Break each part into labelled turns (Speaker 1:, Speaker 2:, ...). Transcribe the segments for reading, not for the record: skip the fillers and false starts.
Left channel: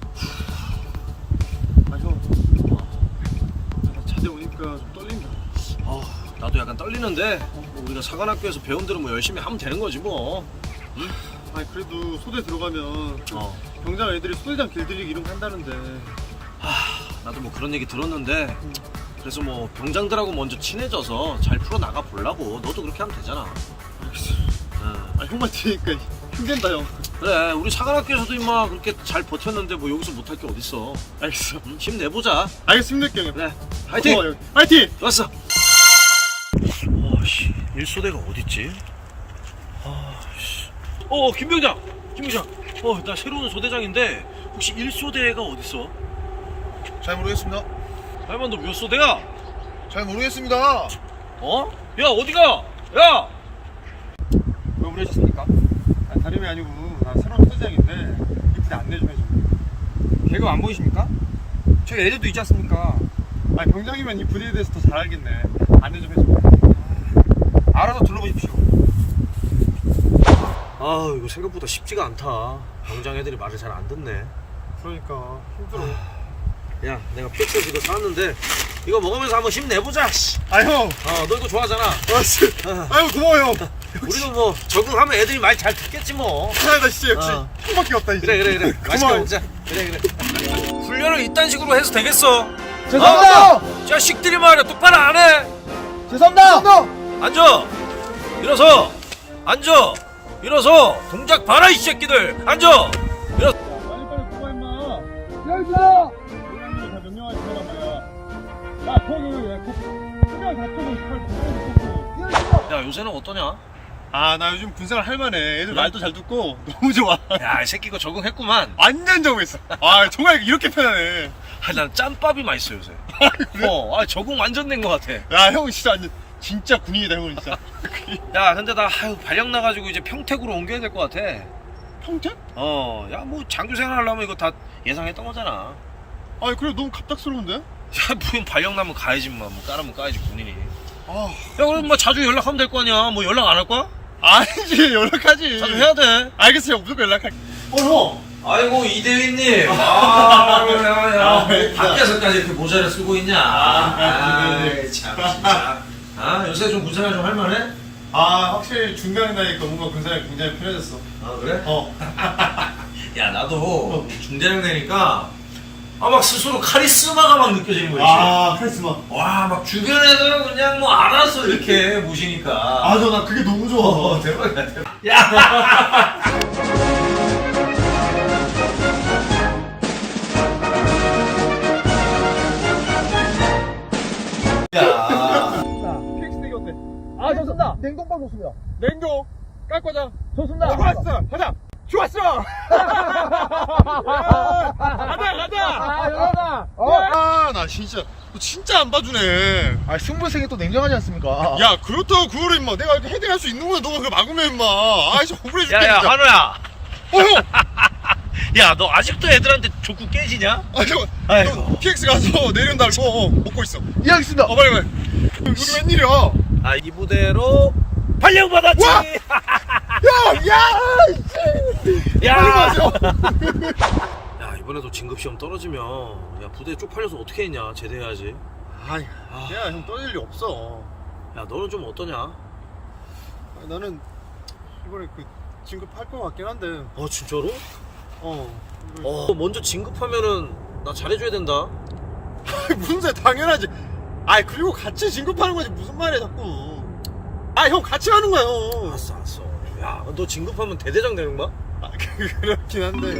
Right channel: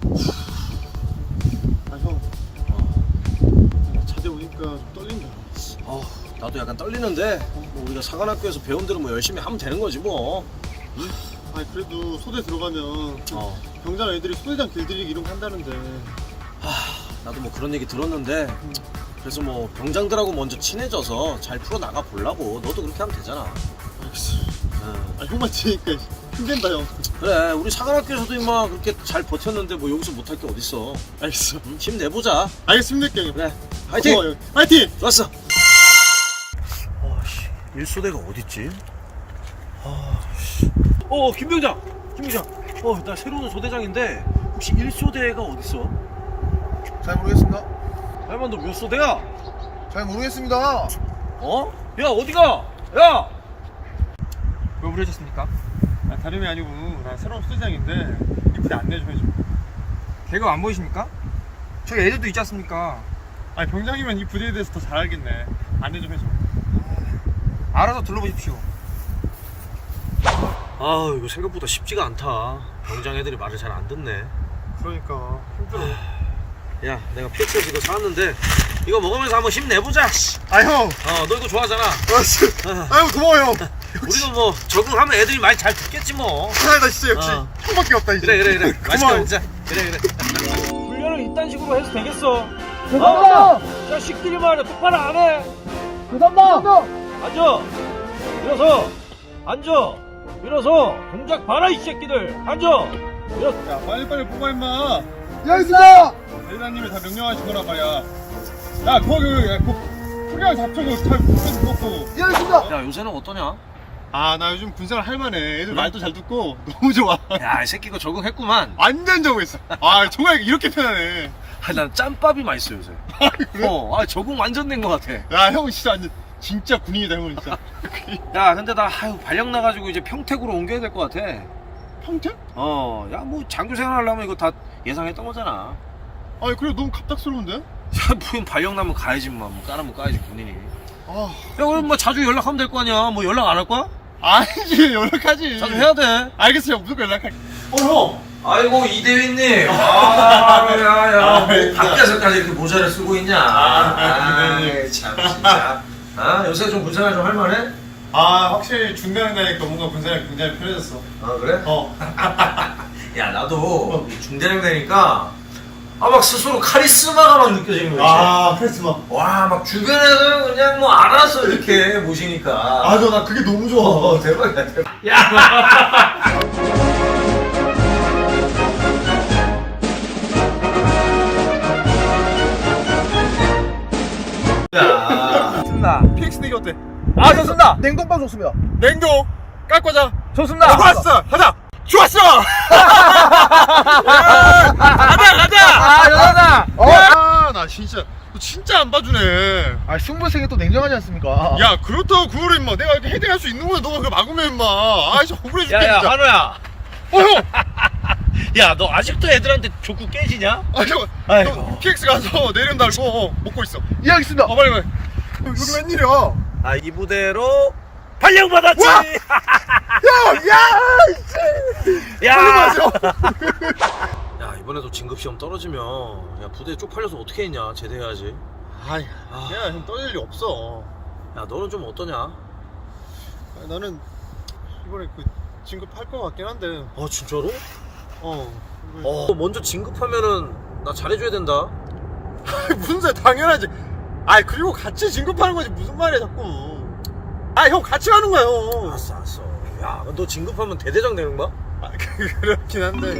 Speaker 1: 아 형, 자대 오니까 좀 떨린다.
Speaker 2: 나도 약간 떨리는데 뭐 우리가 사관학교에서 배운 대로 뭐 열심히 하면 되는 거지 뭐.
Speaker 1: 아니 그래도 소대 들어가면 병장 애들이 소대장 길들이기 이런 거 한다는데.
Speaker 2: 나도 뭐 그런 얘기 들었는데 그래서 뭐 병장들하고 먼저 친해져서 잘 풀어나가 보려고. 너도 그렇게 하면 되잖아.
Speaker 1: 알겠어. 아 형만 들으니까 힘든다 형.
Speaker 2: 그래, 우리 사관학교에서도 임마 그렇게 잘 버텼는데 뭐 여기서 못할 게 어딨어.
Speaker 1: 알겠어.
Speaker 2: 힘내보자.
Speaker 1: 알겠습니다 형님.
Speaker 2: 그래, 화이팅!
Speaker 1: 고마워요. 화이팅!
Speaker 2: 좋았어. 아씨, 일소대가 어딨지? 아씨. 김병장! 김병장! 나 새로운 소대장인데 혹시 일소대가 어딨어?
Speaker 3: 잘 모르겠습니다.
Speaker 2: 할만 너 몇 소대야?
Speaker 3: 잘 모르겠습니다.
Speaker 2: 야 어디가? 야!
Speaker 1: 왜 부르셨습니까? 아, 다름이 아니고 나 새로운 소대장인데 이 부대 안내 좀 해줘.
Speaker 4: 걔가 안 보이십니까? 저기 애들도 있지 않습니까?
Speaker 1: 아니 병장이면 이 부대에 대해서 더 잘 알겠네. 안내 좀 해줘.
Speaker 4: 알아서 둘러보십시오.
Speaker 2: 이거 생각보다 쉽지가 않다. 병장 애들이 말을 잘 안 듣네.
Speaker 1: 그러니까 힘들어.
Speaker 2: 야, 내가 PX 이거 사왔는데 이거 먹으면서 한번 힘내보자.
Speaker 1: 아 형!
Speaker 2: 너 이거 좋아하잖아.
Speaker 1: 아유 고마워 형.
Speaker 2: 우리도 뭐 적응하면 애들이 말 잘 듣겠지 뭐.
Speaker 1: 나 진짜 역시 형밖에 없다 이제.
Speaker 2: 그래. 맛있게
Speaker 1: 고마워.
Speaker 2: 먹자. 그래. 훈련을 이딴 식으로 해서 되겠어.
Speaker 4: 죄송합니다!
Speaker 2: 자식들이 말이야 똑바로 안 해.
Speaker 4: 죄송합니다!
Speaker 2: 앉아. 일어서. 앉아. 일어서. 동작 봐라 이 새끼들. 앉아.
Speaker 1: 야 빨리빨리 뽑아 임마.
Speaker 4: 여기 있습니다!
Speaker 1: 대장님이 다 명령하신 거란 말이야. 야 거기 소리랑 잡초고 잘 뽑아서 뽑고.
Speaker 4: 여기 있습니다!
Speaker 2: 야, 요새는 어떠냐?
Speaker 1: 아 나 요즘 군생활 할만해. 애들 말도 잘 듣고 너무 좋아.
Speaker 2: 야, 이 새끼 이거 적응했구만.
Speaker 1: 완전 적응했어. 아 정말 이렇게 편하네.
Speaker 2: 난 짬밥이 맛있어 요새.
Speaker 1: 그래?
Speaker 2: 적응 완전 된 것 같아.
Speaker 1: 야 형 진짜 완전 진짜 군인이다 형은 진짜.
Speaker 2: 야, 근데 나 발령 나가지고 이제 평택으로 옮겨야 될 것 같아.
Speaker 1: 평택?
Speaker 2: 야, 뭐 장교 생활하려면 이거 다 예상했던 거잖아.
Speaker 1: 아니 그래 너무 갑작스러운데?
Speaker 2: 야, 뭐 발령 나면 가야지 뭐 까라면 까야지 군인이.
Speaker 1: 아
Speaker 2: 야, 그럼 뭐 자주 연락하면 될 거 아니야. 뭐 연락 안 할 거야?
Speaker 1: 아니지 연락하지.
Speaker 2: 자주 해야 돼.
Speaker 1: 알겠어 형 무조건 연락할게. 형.
Speaker 2: 아이고 이대휘님. 밖에서까지 이렇게 모자를 쓰고 있냐?
Speaker 1: 네.
Speaker 2: 참 진짜. 요새 좀 군생활 좀 할만해?
Speaker 1: 아 확실히 중대한 나니까 뭔가 군생활 굉장히 편해졌어.
Speaker 2: 그래? 야, 나도 중대장 되니까 막 스스로 카리스마가 막 느껴지는 거지.
Speaker 1: 카리스마.
Speaker 2: 와, 막 주변 애들은 그냥 뭐 알아서 이렇게 모시니까.
Speaker 1: 저 나 그게 너무 좋아.
Speaker 2: 대박이야, 대박. 야! 야.
Speaker 4: 좋습니다.
Speaker 1: PX 내기 어때?
Speaker 4: 좋습니다! 냉동빵 좋습니다.
Speaker 1: 냉동 깎고자.
Speaker 4: 좋습니다!
Speaker 1: 좋았어. 가자. 좋았어. 가자.
Speaker 4: 죄송합니다!
Speaker 1: 나 진짜 너 진짜 안 봐주네.
Speaker 4: 승부생이 또 냉정하지 않습니까?
Speaker 1: 야 그렇다고 그거를 임마 내가 이렇게 헤딩할 수 있는 거야. 너가 그걸 막으면 임마. 진짜 억울해 죽겠네 진짜.
Speaker 2: 한우야.
Speaker 1: 형.
Speaker 2: 야, 너 아직도 애들한테 족구 깨지냐?
Speaker 1: 잠깐.
Speaker 2: 아이고.
Speaker 1: 너 PX 가서 내림 달고 먹고 있어.
Speaker 4: 예, 알겠습니다!
Speaker 1: 빨리. 여기 웬일이야?
Speaker 2: 이 부대로 발령 받았지.
Speaker 1: 와!
Speaker 2: 야! 야, 이번에도 진급 시험 떨어지면 야, 부대 쪽팔려서 어떻게 했냐? 제대해야지.
Speaker 1: 야, 형 떠날 일 없어.
Speaker 2: 야, 너는 좀 어떠냐?
Speaker 1: 나는 이번에 진급할 것 같긴 한데.
Speaker 2: 진짜로? 먼저 진급하면은 나 잘해줘야 된다.
Speaker 1: 무슨 소리야, 당연하지. 그리고 같이 진급하는 거지 무슨 말이야 자꾸. 형 같이 가는 거야 형.
Speaker 2: 알았어. 야, 너 진급하면 대대장 되는 거야?
Speaker 1: 그렇긴 한데.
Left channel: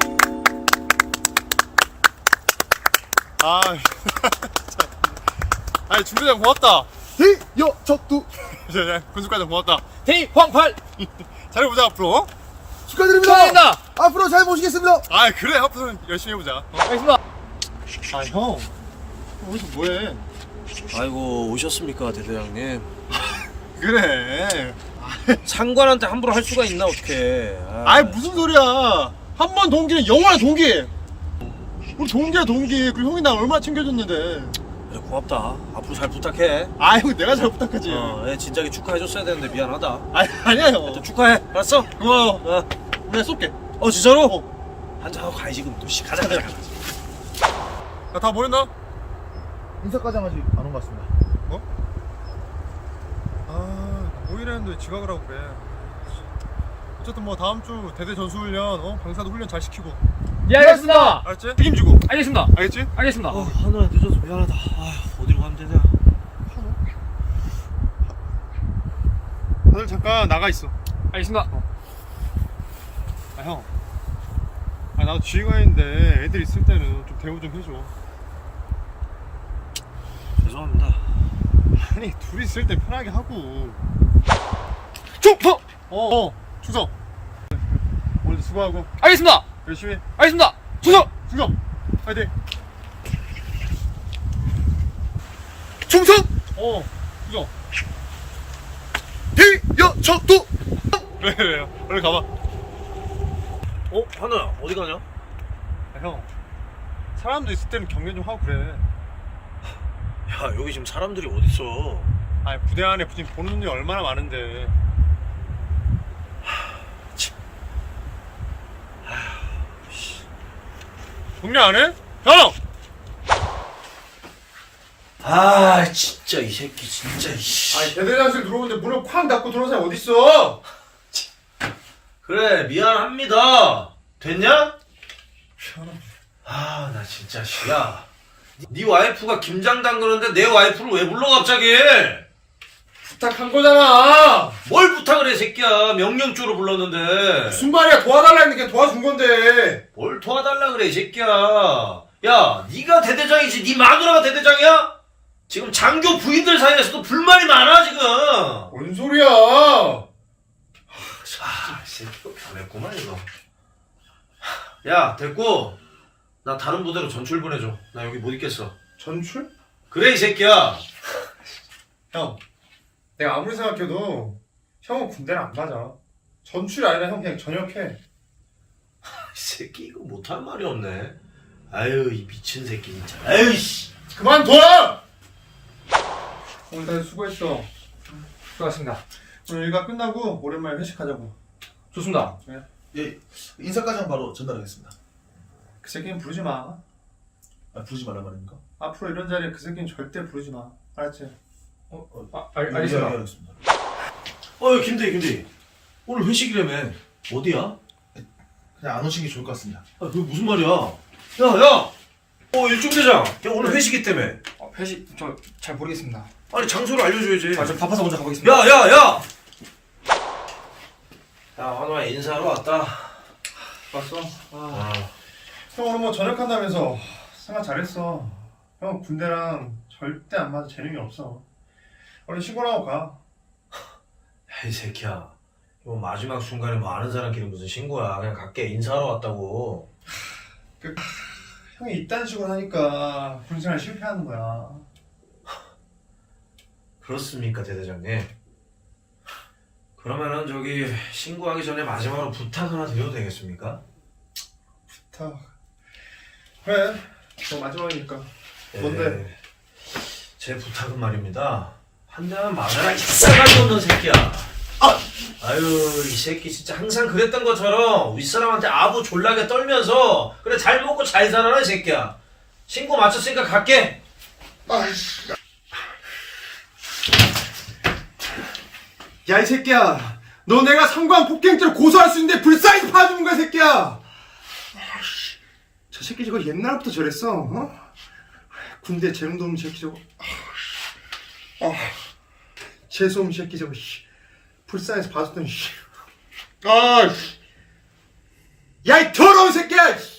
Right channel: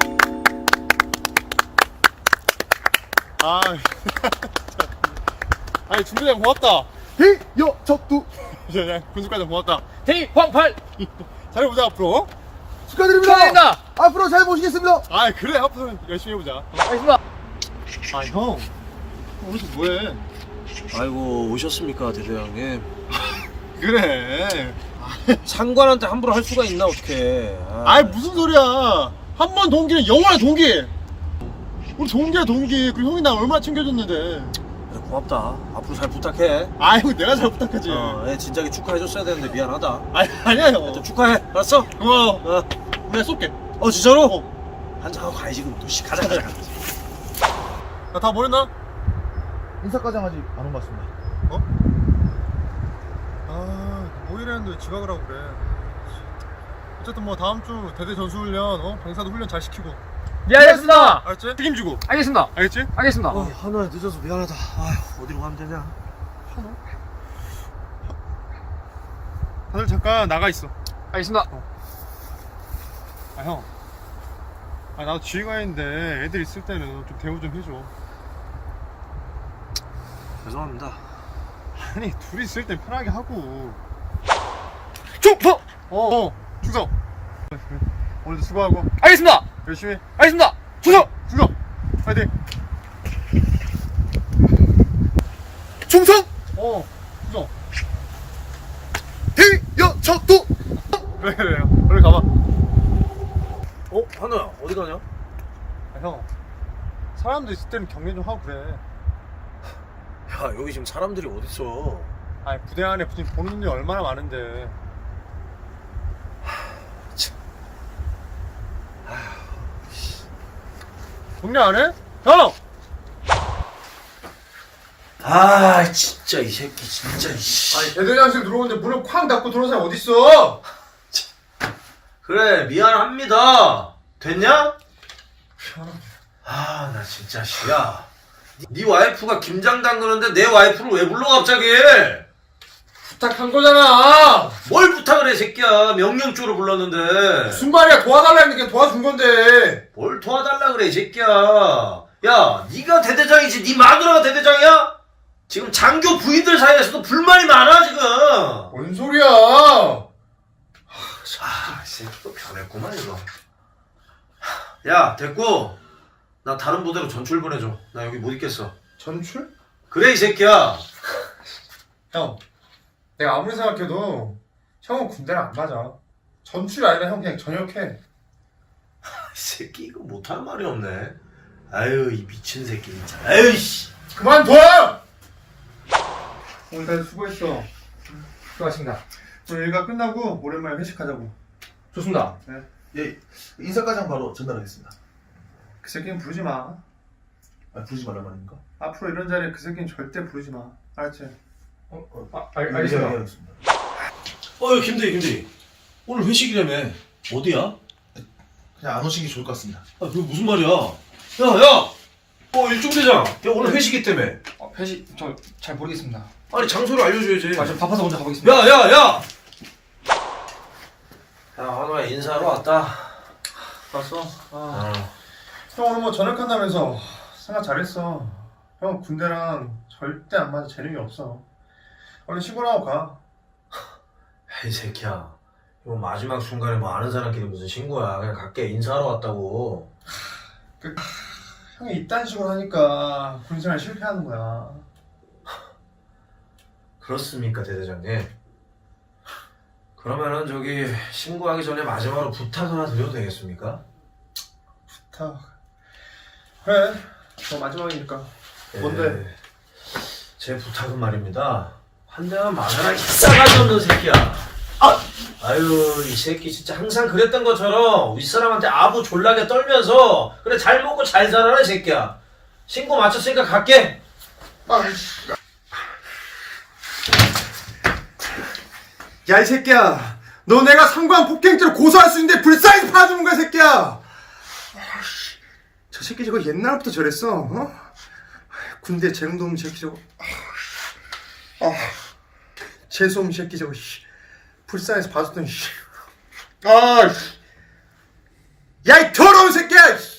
Speaker 1: 중대장 고맙다.
Speaker 4: 대여적두
Speaker 1: 군수과장 고맙다.
Speaker 4: 대황팔
Speaker 1: 잘해보자 앞으로.
Speaker 4: 축하드립니다! 앞으로 잘 모시겠습니다!
Speaker 1: 그래 앞으로 열심히 해보자.
Speaker 4: 알겠습니다!
Speaker 1: 형 어디서 뭐해?
Speaker 2: 아이고, 오셨습니까, 대대장님?
Speaker 1: 그래.
Speaker 2: 상관한테 함부로 할 수가 있나, 어떡해.
Speaker 1: 무슨 소리야. 한 번 동기는 영원한 동기. 우리 동기야 동기. 그리고 형이 나 얼마나 챙겨줬는데.
Speaker 2: 그래, 고맙다. 앞으로 잘 부탁해.
Speaker 1: 형 내가 잘 부탁하지.
Speaker 2: 애 진작에 축하해줬어야 되는데 미안하다.
Speaker 1: 아니야 형.
Speaker 2: 축하해. 알았어?
Speaker 1: 고마워.
Speaker 2: 어.
Speaker 1: 우리가 쏠게.
Speaker 2: 진짜로? 한잔하고 가야지 그럼 또 씨. 가자.
Speaker 1: 야, 다 모였나?
Speaker 3: 인사과장 아직 안 온 것 같습니다.
Speaker 1: 어? 아, 모이라는데 왜 지각을 하고 그래. 어쨌든 뭐 다음 주 대대 전수훈련, 병사도 훈련 잘 시키고.
Speaker 4: 예, 알겠습니다.
Speaker 1: 알았지? 책임지고.
Speaker 4: 알겠습니다.
Speaker 1: 알겠지?
Speaker 4: 알겠습니다.
Speaker 2: 한우야 늦어서 미안하다. 아휴, 어디로 가면 되냐?
Speaker 1: 다들 잠깐 나가 있어.
Speaker 4: 알겠습니다.
Speaker 1: 아, 형. 아, 나도 지휘관인데 애들 있을 때는 좀 대우 좀 해줘.
Speaker 2: 죄송합니다.
Speaker 1: 아니, 둘이 있을 땐 편하게 하고. 충성! 충성! 오늘도 수고하고
Speaker 4: 알겠습니다.
Speaker 1: 열심히 해.
Speaker 4: 알겠습니다. 충성.
Speaker 1: 충성! 화이팅! 충성! 충성!
Speaker 3: 대여척도
Speaker 1: 그래, 얼른 가봐.
Speaker 2: 한우야 어디 가냐?
Speaker 1: 아, 형. 사람들 있을 때는 격려 좀 하고 그래.
Speaker 2: 야 여기 지금 사람들이 어딨어?
Speaker 1: 아니, 부대 안에 지금 보는 눈이 얼마나 많은데. 격려 안 해? 형!
Speaker 2: 아 진짜 이 새끼 진짜 이씨.
Speaker 1: 아니, 대대장실 들어오는데 문을 쾅 닫고 들어온 사람이 어딨어?
Speaker 2: 그래 미안합니다. 됐냐? 아 나 진짜 씨야. 네 와이프가 김장 담그는데 내 와이프를 왜 불러 갑자기?
Speaker 1: 부탁한 거잖아.
Speaker 2: 뭘 부탁을 해 새끼야. 명령조로 불렀는데.
Speaker 1: 무슨 말이야? 도와달라 했는데 도와준 건데.
Speaker 2: 뭘 도와달라 그래 이 새끼야. 야 네가 대대장이지 네 마누라가 대대장이야? 지금 장교 부인들 사이에서도 불만이 많아 지금.
Speaker 1: 뭔 소리야?
Speaker 2: 아, 이 새끼 변했구만 이거. 야 됐고 나 다른 부대로 전출 보내줘. 나 여기 못 있겠어.
Speaker 1: 전출?
Speaker 2: 그래 이 새끼야.
Speaker 1: 형, 내가 아무리 생각해도 형은 군대를 안 가자. 전출이 아니라 형 그냥 전역해.
Speaker 2: 이 새끼 이거 못할 말이 없네. 아유 이 미친 새끼 진짜. 아유 씨.
Speaker 1: 그만둬! 오늘 다들 수고했어.
Speaker 4: 수고하셨습니다.
Speaker 1: 오늘 일과 끝나고 오랜만에 회식하자고.
Speaker 4: 좋습니다.
Speaker 3: 예, 인사과장 바로 전달하겠습니다.
Speaker 1: 그 새끼는 부르지 마.
Speaker 3: 아, 부르지 말란 말입니까?
Speaker 1: 앞으로 이런 자리에 그 새끼는 절대 부르지 마. 알았지?
Speaker 4: 알겠습니다.
Speaker 3: 예, 알겠습니다.
Speaker 2: 김대희 오늘 회식이라며. 어디야?
Speaker 3: 그냥 안 오신 게 좋을 것 같습니다.
Speaker 2: 아 그게 무슨 말이야? 야 일중대장. 야 오늘 회식이 때문에.
Speaker 4: 회식 저 잘 모르겠습니다.
Speaker 2: 아니 장소를 알려줘야지.
Speaker 4: 저 바빠서 먼저 가보겠습니다.
Speaker 2: 야 한우야 인사하러 왔다.
Speaker 1: 봤어? 형 오늘 뭐 전역한다면서 생각 잘했어. 형 군대랑 절대 안 맞아. 재능이 없어. 얼른 신고하고 가.
Speaker 2: 이 새끼야. 이거 마지막 순간에 뭐 아는 사람끼리 무슨 신고야. 그냥 갈게. 인사하러 왔다고.
Speaker 1: 형이 이딴 식으로 하니까 군생활 실패하는 거야.
Speaker 2: 그렇습니까 대대장님? 그러면은 저기 신고하기 전에 마지막으로 부탁 하나 드려도 되겠습니까?
Speaker 1: 부탁. 그래. 너 마지막이니까. 뭔데?
Speaker 2: 제 부탁은 말입니다. 한 대만 맞아라 이 싸가지 없는 새끼야. 아유 이 새끼 진짜 항상 그랬던 것처럼 윗사람한테 아부 졸라게 떨면서 그래 잘 먹고 잘 살아라 이 새끼야. 신고 마쳤으니까 갈게.
Speaker 1: 야, 이 새끼야. 너 내가 상관 폭행죄로 고소할 수 있는데 불쌍히 봐주는 거야, 새끼야. 저 새끼 저거 옛날부터 저랬어. 어? 군대 재능도 없는 새끼 저거. 재수 없는 새끼 저거. 불쌍해서 봐줬더니. 야, 이 더러운 새끼야.